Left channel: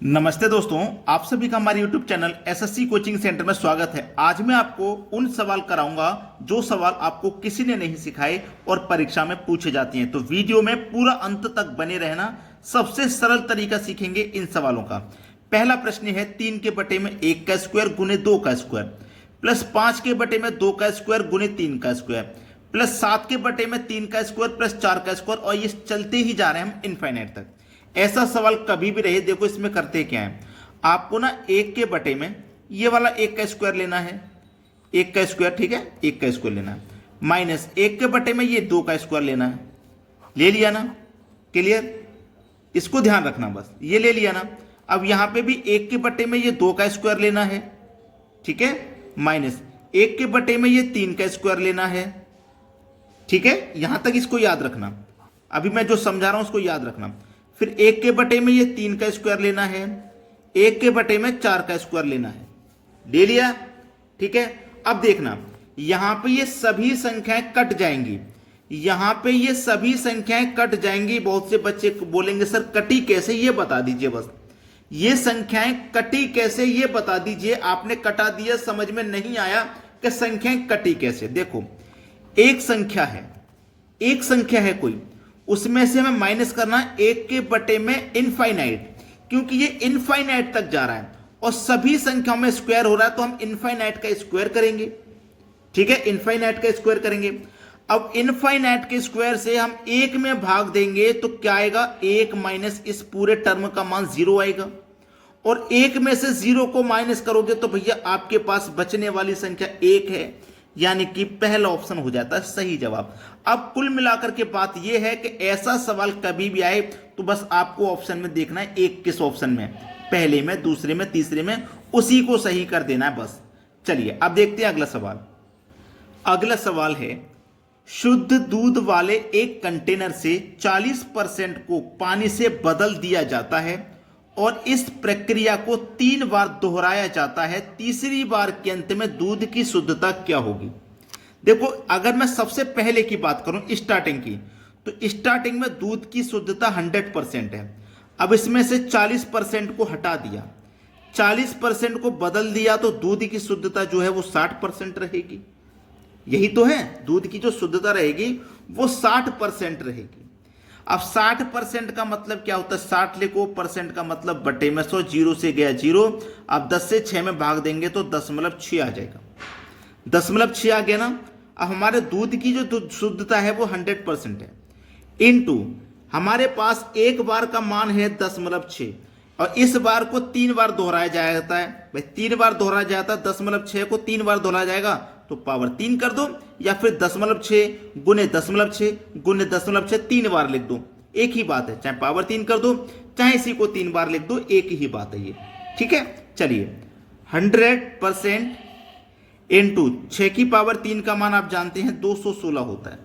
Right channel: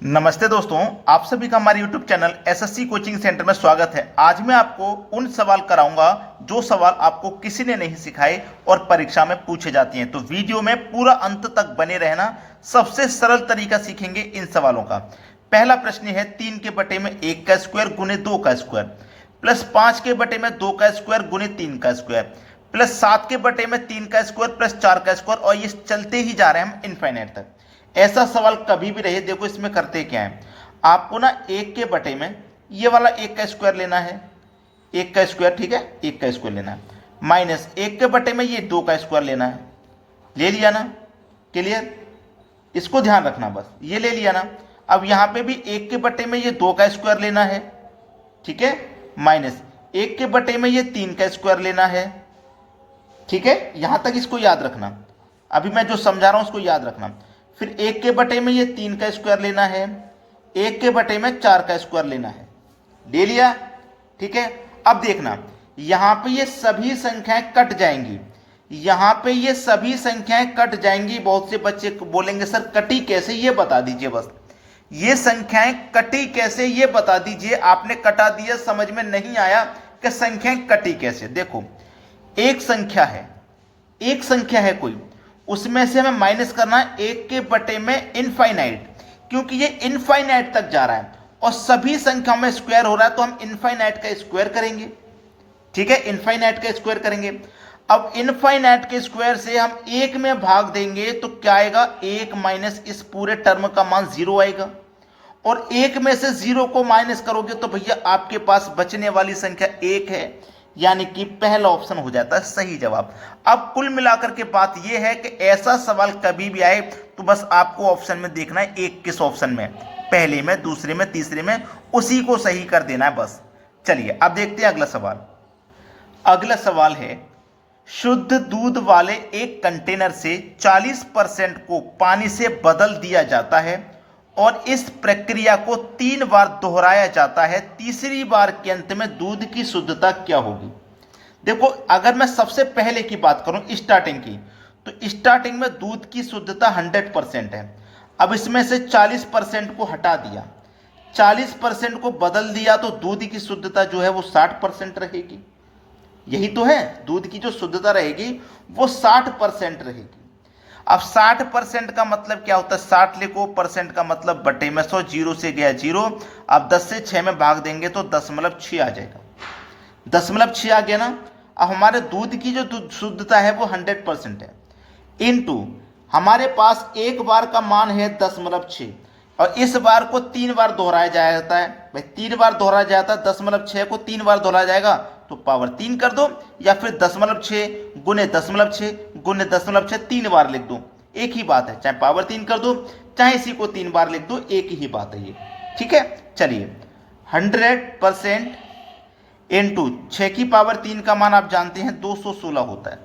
नमस्ते दोस्तों, आप सभी का हमारे YouTube channel SSC coaching centre में स्वागत है। आज मैं आपको उन सवाल कराऊंगा जो सवाल आपको किसी ने नहीं सिखाए और परीक्षा में पूछे जाते हैं। तो वीडियो में पूरा अंत तक बने रहना। सबसे सरल तरीका सीखेंगे इन सवालों का। पहला प्रश्न है 3 के बटे में 1 का स्क्वायर गुने 2 का स्क्वायर प्लस 5 के बटे में 2 का स्क्वायर गुने 3 का स्क्वायर प्लस 7 के बटे में 3 का स्क्वायर प्लस 4 का स्क्वायर, और ये चलते ही जा रहे हैं हम इनफाइनाइट तक। ऐसा सवाल कभी भी रहे, देखो इसमें करते क्या है, आपको ना 1 के बटे में ये वाला 1 का स्क्वायर लेना है, 1 का स्क्वायर, ठीक है, 1 का स्क्वायर लेना है, माइनस 1 के बटे में ये 2 का स्क्वायर लेना है। ले लिया ना, क्लियर, इसको ध्यान रखना, बस ये ले लिया ना। अब यहां पे भी 1 के बटे में ये 2 का स्क्वायर लेना है, ठीक है, माइनस 1 के बटे में ये 3 का स्क्वायर लेना है, ठीक है, यहां तक इसको याद रखना। अभी मैं जो समझा रहा हूं उसको याद रखना। फिर 1 के बटे में ये 3 का स्क्वायर लेना है, 1 के बटे में 4 का स्क्वायर लेना है, ले लिया, ठीक है। अब देखना, यहां पे ये सभी संख्याएं कट जाएंगी, यहां पे ये सभी संख्याएं कट जाएंगी। बहुत से बच्चे बोलेंगे सर कटी कैसे, ये बता दीजिए, बस ये संख्याएं कटी कैसे ये बता दीजिए। आपने कटा दिया, समझ में नहीं आया कि संख्याएं कटी कैसे। देखो, एक संख्या है कोई, उसमें से हमें माइनस करना है 1 के बटे में इनफाइनाइट, क्योंकि ये इनफाइनाइट तक जा रहा है और सभी संख्याओं में स्क्वायर हो रहा है, तो हम इनफाइनाइट का स्क्वायर करेंगे, ठीक है, इनफाइनाइट का स्क्वायर करेंगे। अब इनफाइनाइट के स्क्वायर से हम 1 में भाग देंगे तो क्या आएगा, 1 माइनस इस पूरे टर्म का मान 0 आएगा, और 1 में से 0 को माइनस करोगे तो भैया आपके पास बचने वाली संख्या 1 है, यानी कि पहला ऑप्शन हो जाता है सही जवाब। अब कुल मिलाकर के बात यह है कि ऐसा सवाल कभी भी आए तो बस आपको ऑप्शन में देखना है, एक किस ऑप्शन में, पहले में, दूसरे में, तीसरे में, उसी को सही कर देना है बस। चलिए अब देखते हैं अगला सवाल। अगला सवाल है, शुद्ध दूध वाले एक कंटेनर से 40% को पानी से बदल दिया जाता है और इस प्रक्रिया को 3 बार दोहराया जाता है। तीसरी बार के अंत में दूध की शुद्धता क्या होगी। देखो, अगर मैं सबसे पहले की बात करूं, स्टार्टिंग की, तो स्टार्टिंग में दूध की शुद्धता 100% है। अब इसमें से 40% को हटा दिया, 40% को बदल दिया, तो दूध की शुद्धता जो है वो 60% रहेगी। यही तो है, दूध की जो शुद्धता रहेगी वो 60% रहेगी। अब 60% का मतलब क्या होता है, 60 लिखो, परसेंट का मतलब बटे में 100, 0 से गया 0। अब 10 से 6 में भाग देंगे तो 0.6 आ जाएगा, 0.6 आ गया ना। अब हमारे दूध की जो शुद्धता है वो 100% है, इनटू हमारे पास एक बार का मान है 0.6, और इस बार को 3 बार दोहराया जाता है। भाई 3 बार दोहराया जाता है, 0.6 को 3 बार दोहराया जाएगा तो पावर 3 कर दो, या फिर 0.6 गुने 0.6 गुने 0.6 3 बार लिख दो, एक ही बात है, चाहे पावर 3 कर दो चाहे इसी को 3 बार लिख दो, एक ही बात है ये, ठीक है। चलिए, 100% इंटू 6 की पावर 3 का मान आप जानते हैं 216 होता है।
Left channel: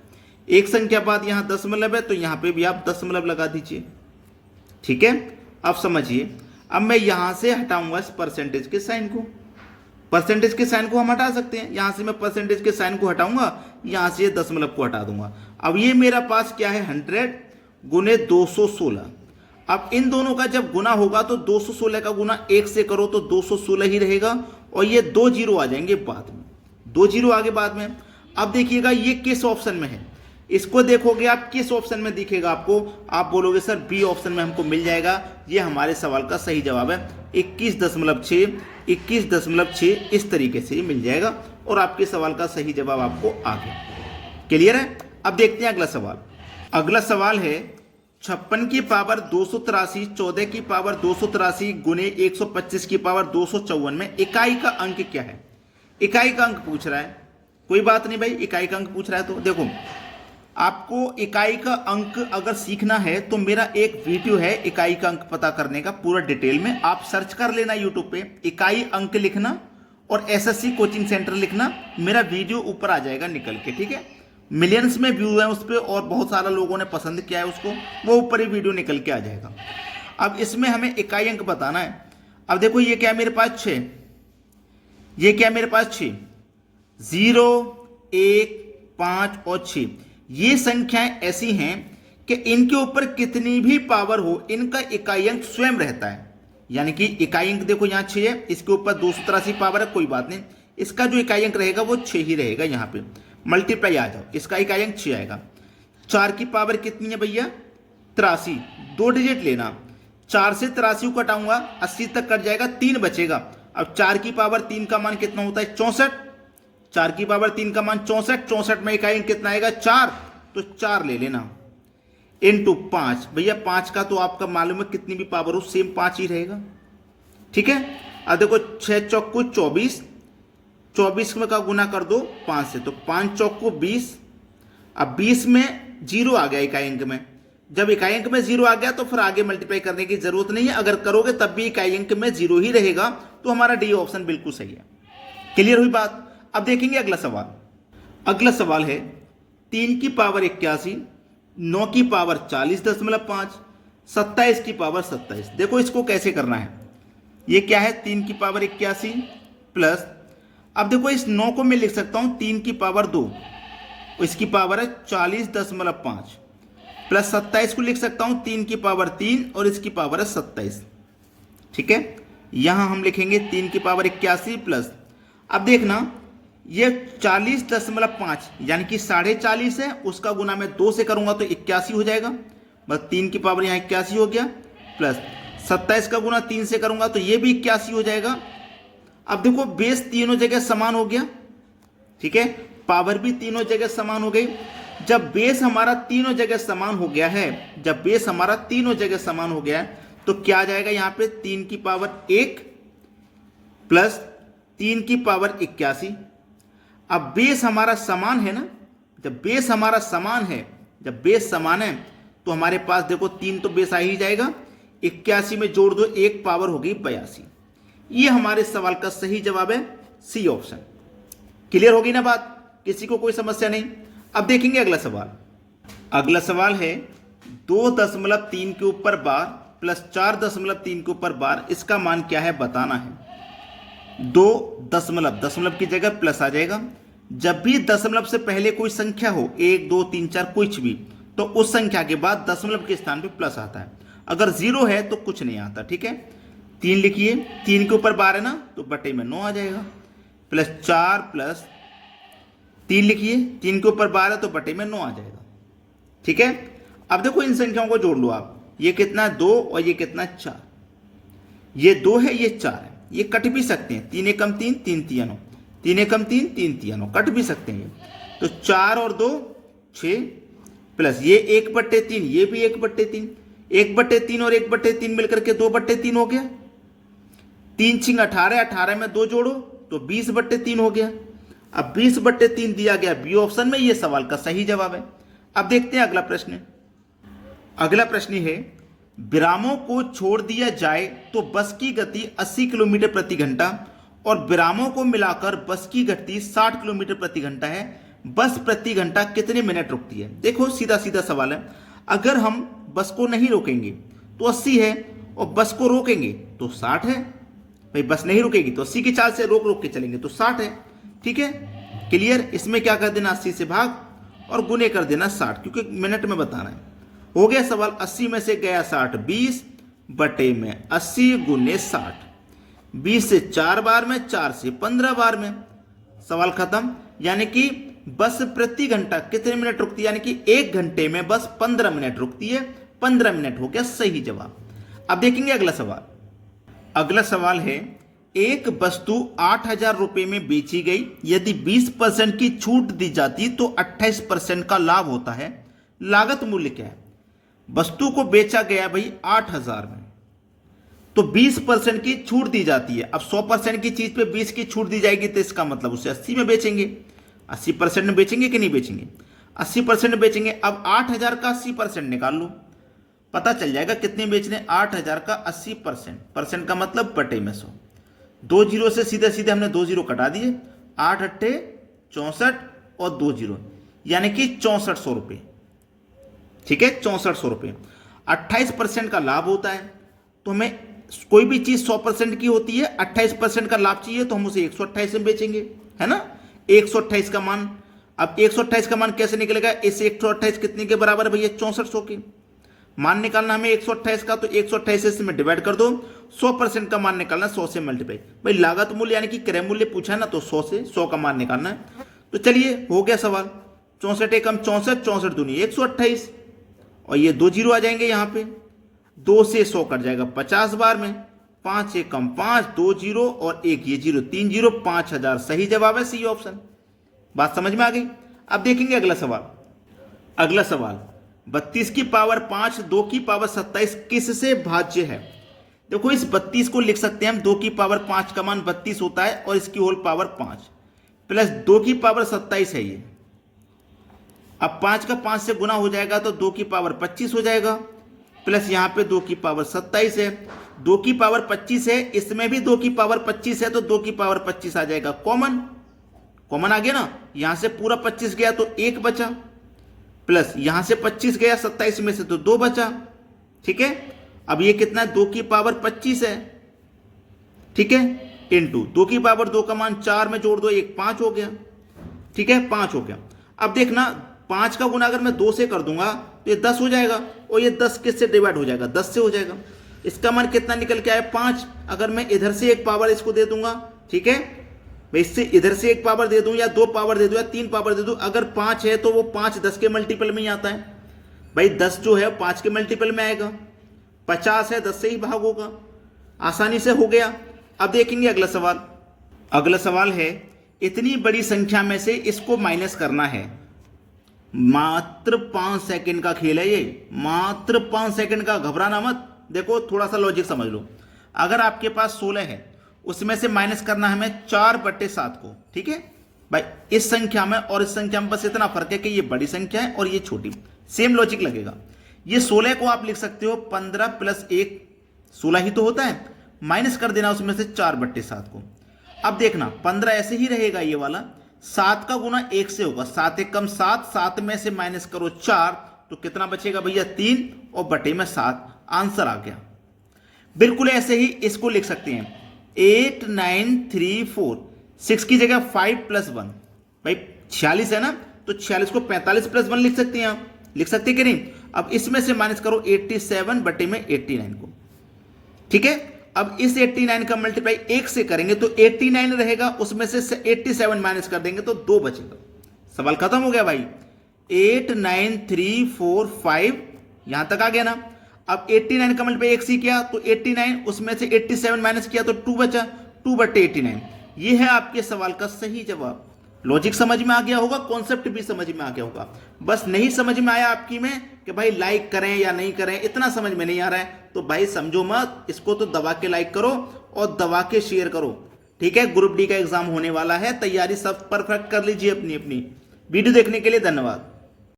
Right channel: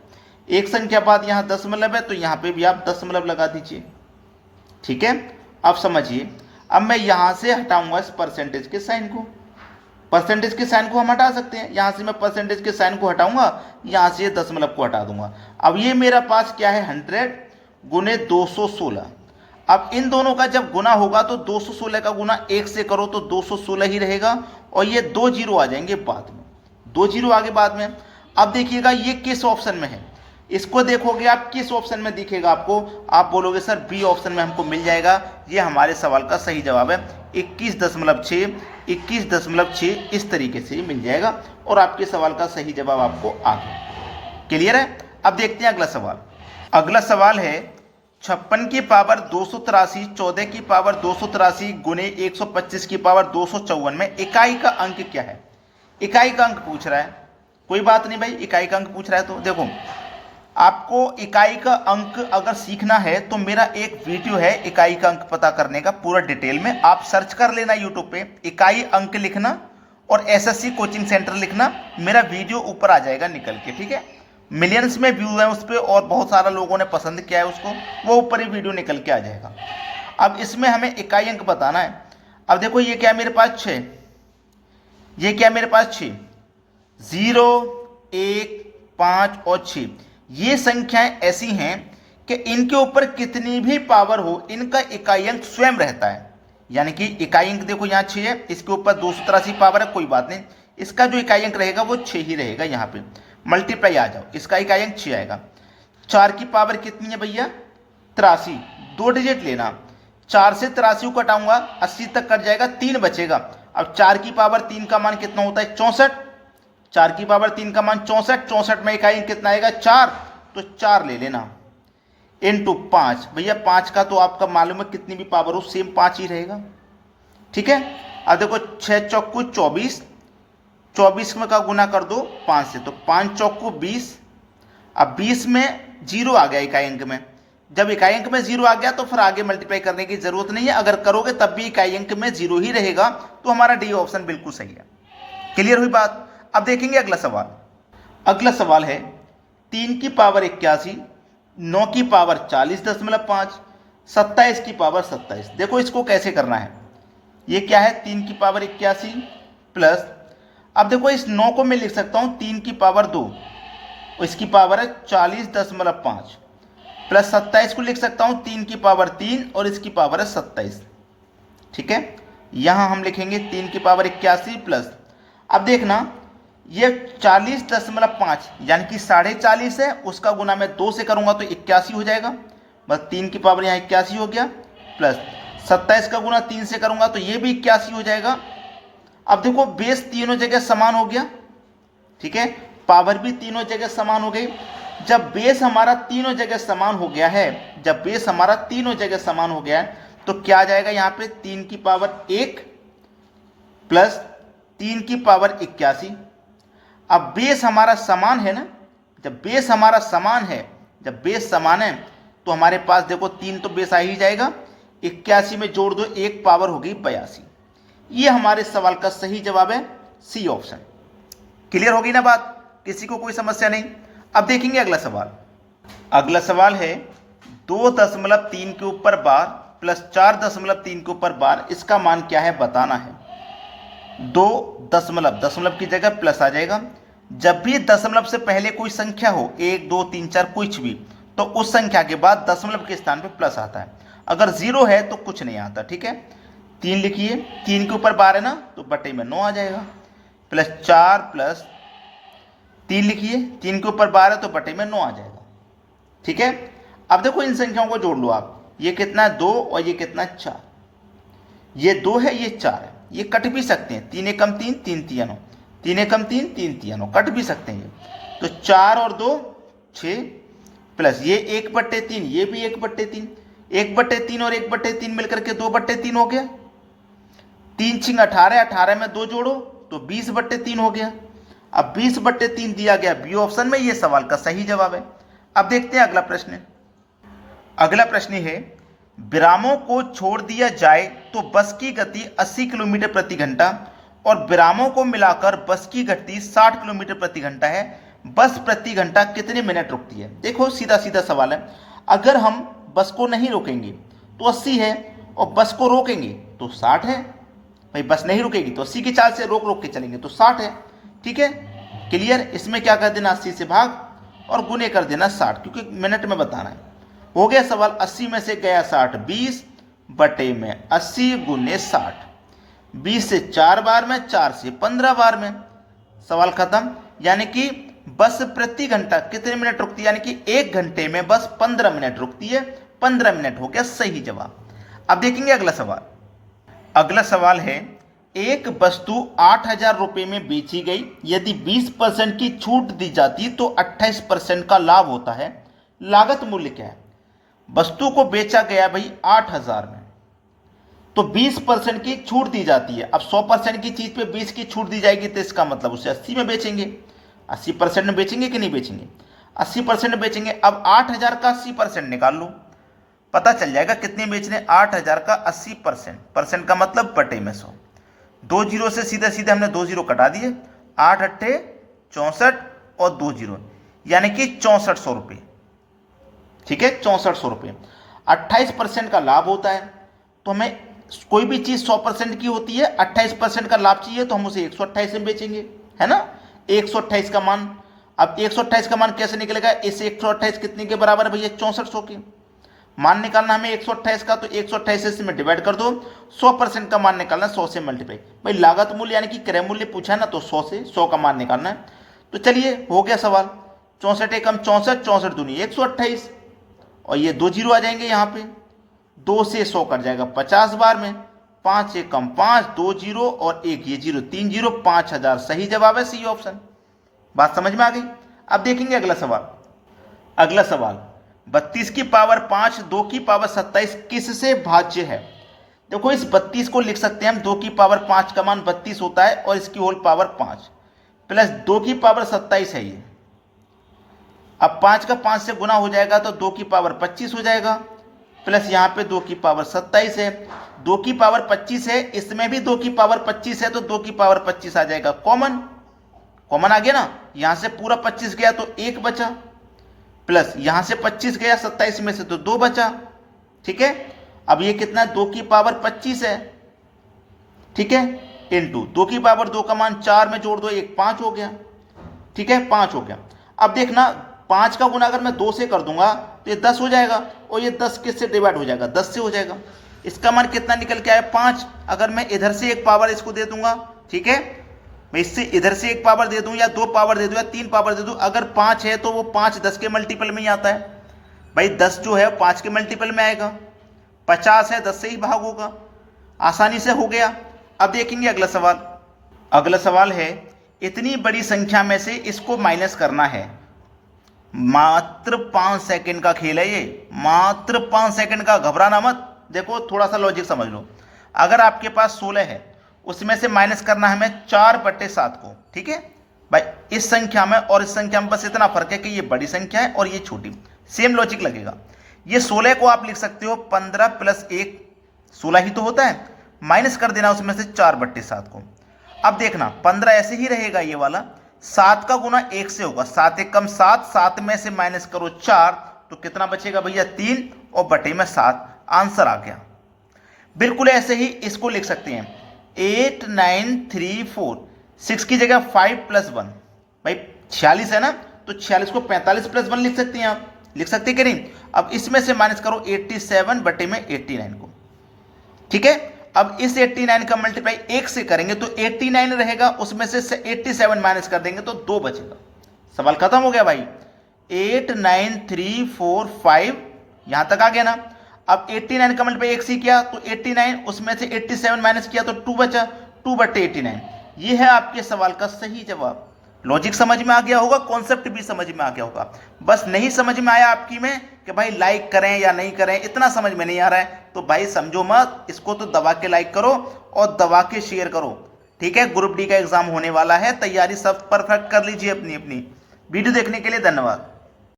एक संख्या बाद यहां दशमलव है तो यहां पे भी आप दशमलव लगा दीजिए, ठीक है। अब समझिए, अब मैं यहां से हटाऊंगा इस परसेंटेज के साइन को, परसेंटेज के साइन को हम हटा सकते हैं, यहां से मैं परसेंटेज के साइन को हटाऊंगा, यहां से दशमलव को हटा दूंगा। अब ये मेरा पास क्या है, 100 गुने 216। अब इन दोनों का जब गुना होगा तो 216 का गुना 1 से करो तो 216 ही रहेगा, और ये 2 जीरो आ जाएंगे बाद में, 2 जीरो आगे बाद में। अब देखिएगा ये किस ऑप्शन में है, इसको देखोगे आप किस ऑप्शन में दिखेगा आपको, आप बोलोगे सर बी ऑप्शन में हमको मिल जाएगा। ये हमारे सवाल का सही जवाब है, 21.6, 21.6 इस तरीके से मिल जाएगा, और आपके सवाल का सही जवाब आपको आ गया। क्लियर है। अब देखते हैं अगला सवाल। अगला सवाल है 56 की पावर 283, 14 की पावर 283 गुने 125 की पावर 254 में इकाई का अंक क्या है। इकाई का अंक पूछ रहा है, कोई बात नहीं भाई, इकाई का अंक पूछ रहा है तो देखो, आपको इकाई का अंक अगर सीखना है तो मेरा एक वीडियो है इकाई का अंक पता करने का, पूरा डिटेल में आप सर्च कर लेना यूट्यूब पे, इकाई अंक लिखना और एसएससी कोचिंग सेंटर लिखना, मेरा वीडियो ऊपर आ जाएगा निकल के, ठीक है। मिलियंस में व्यू है उस पर और बहुत सारा लोगों ने पसंद किया है उसको, वो ऊपर ही वीडियो निकल के आ जाएगा। अब इसमें हमें इकाई अंक बताना है। अब देखो, ये क्या मेरे पास 6, ये क्या मेरे पास 6, 0, 1, 5 और 6, ये संख्याएं ऐसी हैं कि इनके ऊपर कितनी भी पावर हो, इनका इकाई अंक स्वयं रहता है। यानी कि इकाई अंक देखो यहाँ 6 है, इसके ऊपर 283 पावर है, कोई बात नहीं, इसका जो इकाई अंक रहेगा वो 6 ही रहेगा। यहाँ पे मल्टीप्लाई आ जाओ, इसका इकाई अंक 6 आएगा। 4 की पावर कितनी है भैया? 83, 2 डिजिट लेना। 4 से 83 को घटाऊंगा 80 तक कट जाएगा, 3 बचेगा। अब 4 की पावर 3 का मान कितना होता है? 64। 4 की पावर 3 का मान 64, 64 में इकाई अंक कितना आएगा? 4, तो 4 ले लेना इनटू 5। भैया 5 का तो आपका मालूम है कितनी भी पावर हो सेम 5 ही रहेगा, ठीक है। अब देखो 6 चौको 24, 24 में का गुना कर दो 5 से, तो 5 चौको 20। अब 20 में 0 आ गया इकाई अंक में, जब इकाई अंक में 0 आ गया तो फिर आगे मल्टीप्लाई करने की जरूरत नहीं है, अगर करोगे तब भी इकाई अंक में 0 ही रहेगा, तो हमारा डी ऑप्शन बिल्कुल सही है। क्लियर हुई बात? अब देखेंगे अगला सवाल। अगला सवाल है 3 की पावर 81, 9 की पावर 40.5, 27 की पावर 27। देखो इसको कैसे करना है। ये क्या है? 3 की पावर 81 प्लस, अब देखो इस 9 को मैं लिख सकता हूं 3 की पावर 2, इसकी पावर है 40.5, प्लस 27 को लिख सकता हूं 3 की पावर 3 और इसकी पावर है 27, ठीक है। यहां हम लिखेंगे 3 की पावर 81 प्लस, अब देखना ये 40.5 यानी कि 40.5 है, उसका गुना मैं 2 से करूंगा तो 81 हो जाएगा, बस 3 की पावर यहाँ 81 हो गया, प्लस 27 का गुना 3 से करूंगा तो ये भी 81 हो जाएगा। अब देखो बेस तीनों जगह समान हो गया, ठीक है, पावर भी तीनों जगह समान हो गई। जब बेस हमारा तीनों जगह समान हो गया है, जब बेस हमारा तीनों जगह समान हो गया है, तो क्या आ जाएगा यहाँ पे? 3 की पावर 1 प्लस 3 की पावर 81। अब बेस हमारा समान है ना, जब बेस हमारा समान है, जब बेस समान है तो हमारे पास देखो 3 तो बेस आ ही जाएगा, 81 में जोड़ दो 1 पावर होगी 82। ये हमारे सवाल का सही जवाब है, सी ऑप्शन। क्लियर होगी ना बात? किसी को कोई समस्या नहीं? अब देखेंगे अगला सवाल। अगला सवाल है 2.3 के ऊपर बार प्लस 4.3 के ऊपर बार, इसका मान क्या है बताना है। 2 दशमलव की जगह प्लस आ जाएगा। जब भी दशमलव से पहले कोई संख्या हो, 1 2 3 4 कुछ भी, तो उस संख्या के बाद दशमलव के स्थान पे प्लस आता है। अगर 0 है तो कुछ नहीं आता, ठीक है। 3 लिखिए, 3 के ऊपर बार है ना, तो बटे में 9 आ जाएगा, प्लस 4 प्लस 3 लिखिए, 3 के ऊपर बार है तो बटे में 9 आ जाएगा, ठीक है। अब देखो इन संख्याओं को जोड़ लो आप, ये कितना है 2 और ये कितना 4, ये 2 है ये 4 है, ये कट भी सकते हैं, 3 एकम 3 3 तिया 9, 3 एकम 3 3 तिया 9, कट भी सकते हैं ये। तो 4 और 2 6 प्लस ये 1/3, ये भी 1/3, 1/3 और 1/3 मिलकर के 2/3 हो गया। 3 छिंग 18, 18 में 2 जोड़ो तो 20/3 हो गया। अब 20/3 दिया गया बी ऑप्शन में, ये सवाल का सही जवाब है। अब देखते हैं अगला प्रश्न। अगला प्रश्न है विरामों को छोड़ दिया जाए तो बस की गति 80 किलोमीटर प्रति घंटा और विरामों को मिलाकर बस की गति 60 किलोमीटर प्रति घंटा है। बस प्रति घंटा कितने मिनट रुकती है? देखो सीधा सीधा सवाल है। अगर हम बस को नहीं रोकेंगे तो 80 है और बस को रोकेंगे तो 60 है। भाई बस नहीं रुकेगी तो 80 की चाल से रोक रोक के चलेंगे तो 60 है, ठीक है। क्लियर? इसमें क्या कर देना 80 से भाग और गुने कर देना 60, क्योंकि मिनट में बताना है। हो गया सवाल, 80 में से गया 60, 20 बटे में 80 गुने 60, 20 से 4 बार में, 4 से 15 बार में, सवाल खत्म। यानी कि बस प्रति घंटा कितने मिनट रुकती है? यानी कि 1 घंटे में बस 15 मिनट रुकती है। 15 मिनट हो गया सही जवाब। अब देखेंगे अगला सवाल। अगला सवाल है एक वस्तु 8,000 रुपये में बेची गई, यदि 20% की छूट दी जाती तो 28% का लाभ होता है। लागत मूल्य क्या है? वस्तु को बेचा गया भाई 8,000 में, तो 20% की छूट दी जाती है। अब 100% की चीज पे 20 की छूट दी जाएगी तो इसका मतलब उसे 80 में बेचेंगे। 80% में बेचेंगे कि नहीं बेचेंगे? 80% बेचेंगे। अब 8,000 का 80% निकाल लो, पता चल जाएगा कितने बेचने। 8,000 का 80%, परसेंट का मतलब बटे में 100। 2 जीरो से सीधे सीधे हमने 2 जीरो कटा दिए, 8 अट्ठे 64 और 2 जीरो, यानी कि 6400 रुपये, ठीक है। 6400 रुपये। 28% का लाभ होता है, तो हमें कोई भी चीज 100% की होती है, 28% का लाभ चाहिए तो हम उसे 128 में बेचेंगे, है ना। 128 का मान, अब 128 का मान कैसे निकलेगा? इस 128 कितने के बराबर है भैया? 6400 के। मान निकालना हमें 128 का, तो 128 से इसमें डिवाइड कर दो, 100% का मान निकालना है 100 से मल्टीप्लाई। भाई लागत मूल्य यानी कि क्रय मूल्य पूछा है ना, तो 100 से 100 का मान निकालना है। तो चलिए हो गया सवाल। 64 एकम 64, 64 दूनी 128, और ये 2 जीरो आ जाएंगे यहाँ पे। 2 से 100 कट जाएगा 50 बार में। 5 एकम 5, 2 जीरो और 1 ये जीरो, 3 जीरो, 5000 सही जवाब है सी ऑप्शन। बात समझ में आ गई। अब देखेंगे अगला सवाल। अगला सवाल 32 की पावर 5, 2 की पावर 27 किससे भाज्य है? देखो इस 32 को लिख सकते हैं हम, 2 की पावर 5 का मान 32 होता है और इसकी होल पावर 5 प्लस 2 की पावर 27 है ये। अब 5 का 5 से गुना हो जाएगा तो 2 की पावर 25 हो जाएगा, प्लस यहाँ पे 2 की पावर 27 है। 2 की पावर 25 है, इसमें भी 2 की पावर 25 है, तो 2 की पावर 25 आ जाएगा कॉमन। कॉमन आ गया ना, यहां से पूरा 25 गया तो 1 बचा, प्लस यहां से 25 गया 27 में से तो 2 बचा। ठीक है, अब ये कितना है, 2 की पावर 25 है, ठीक है, इंटू 2 की पावर 2 का मान 4 में जोड़ दो, 1 5 हो गया। ठीक है, 5 हो गया। अब देखना 5 का गुना अगर मैं 2 से कर दूंगा तो ये 10 हो जाएगा, और ये 10 किससे डिवाइड हो जाएगा, 10 से हो जाएगा। इसका मान कितना निकल के आया, 5। अगर मैं इधर से एक पावर इसको दे दूंगा, ठीक है, मैं इससे इधर से एक पावर दे दूं या 2 पावर दे दूं या 3 पावर दे दूं, अगर 5 है तो वो 5 10 के मल्टीपल में ही आता है। भाई 10 जो है 5 के मल्टीपल में आएगा, 50 है 10 से ही भाग होगा, आसानी से हो गया। अब देखेंगे अगला सवाल। अगला सवाल है, इतनी बड़ी संख्या में से इसको माइनस करना है। मात्र 5 सेकंड का खेल है ये, मात्र 5 सेकंड का, घबराना मत। देखो थोड़ा सा लॉजिक समझ लो। अगर आपके पास 16 है, उसमें से माइनस करना है हमें 4/7 को। ठीक है भाई, इस संख्या में और इस संख्या में बस इतना फर्क है कि ये बड़ी संख्या है और ये छोटी। सेम लॉजिक लगेगा। ये 16 को आप लिख सकते हो 15 प्लस 1, 16 ही तो होता है, माइनस कर देना उसमें से 4/7 को। अब देखना 15 ऐसे ही रहेगा ये वाला, 7 का गुना 1 से होगा, 7 एकम 7, 7 में से माइनस करो 4 तो कितना बचेगा भैया 3, और बटे में 7, आंसर आ गया। बिल्कुल ऐसे ही इसको लिख सकते हैं 8 9 3 4, 6 की जगह 5 + 1, भाई 46 है ना, तो 46 को 45 + 1 लिख सकते हैं आप, लिख सकते कि नहीं। अब इसमें से माइनस करो 87 बटे में 89 को। ठीक है, अब इस 89 का मल्टीप्लाई 1 से करेंगे तो 89 रहेगा, उसमें से 87 माइनस कर देंगे तो 2 बचेगा। सवाल खत्म हो गया भाई। 8 9 3 4 5 यहां तक आ गया ना। अब 89 का मल्टीप्लाई 1 से किया तो 89, उसमें से 87 माइनस किया तो 2 बचा, 2/89। ये है आपके सवाल का सही जवाब। लॉजिक समझ में आ गया होगा, कॉन्सेप्ट भी समझ में आ गया होगा। बस नहीं समझ में आया आपकी में कि भाई लाइक करें या नहीं करें, इतना समझ में नहीं आ रहा है तो भाई समझो मत, इसको तो दबा के लाइक करो और दबा के शेयर करो। ठीक है, ग्रुप डी का एग्जाम होने वाला है, तैयारी सब परफेक्ट कर लीजिए अपनी अपनी। वीडियो देखने के लिए धन्यवाद।